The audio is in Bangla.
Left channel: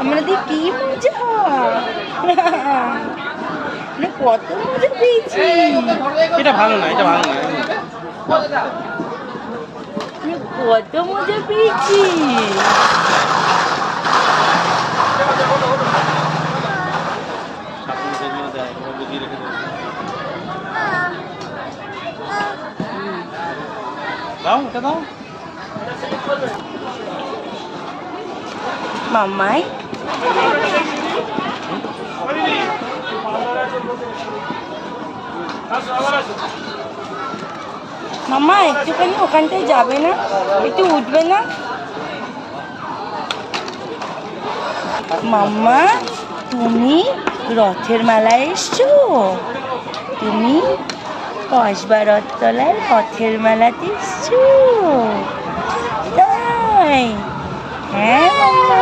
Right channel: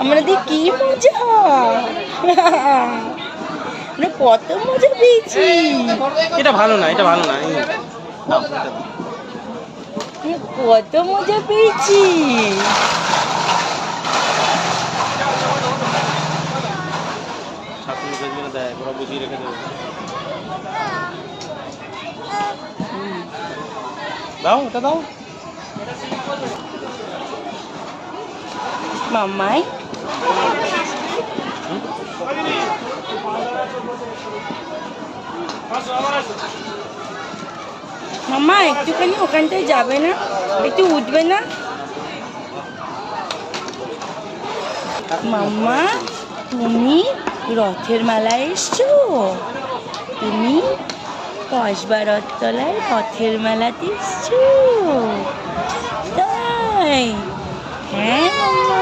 আমাদের কি মজা, কত মজা পেয়েছি। এটা ভালো না, এটা ভালো না। কত মজা পেয়েছি। দাও ওটা দাও। মাম্মাই মাম্মা একটুখানি ওখানটায় যাবে না, একটু উঠবে না? মাম্মা তুমি রথের মেলায় এসছো? তুমি কসবা তলায় রথের মেলাতে এসছো? তাই? হ্যাঁ মাম্মা।